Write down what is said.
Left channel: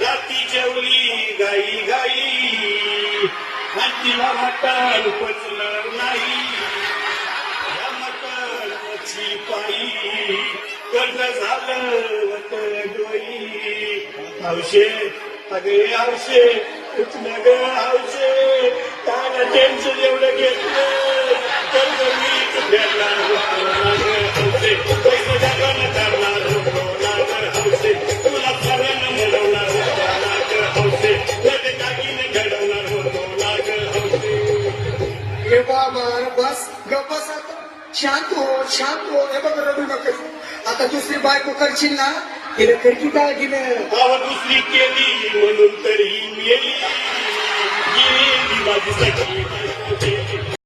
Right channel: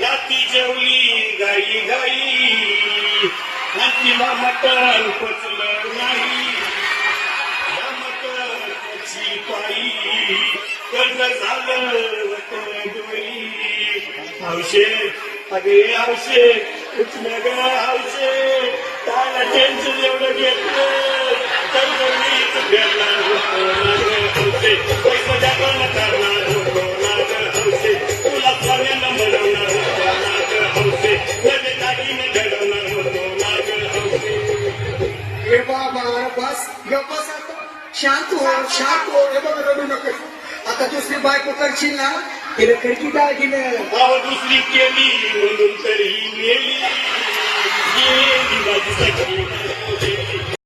राती जेवली गाई गाई तिला मटण पचलं नाही मटणाची पायी कर्ज झालं डोई औषध अगे औषध कुठलं ग औषध त्याला टेन्शन एवढं घेतलं कर्ज मीच घेतला औषध पैसा टाकायला करणार औषध तुला चालेल मिळवणार हे बाबा बस गप्पस शांत हो रडू नको. आता दुसरी बायको करशील ना तिला खडकी काय दिलं दुसरी केली म्हणून तरी मेली माझी सखी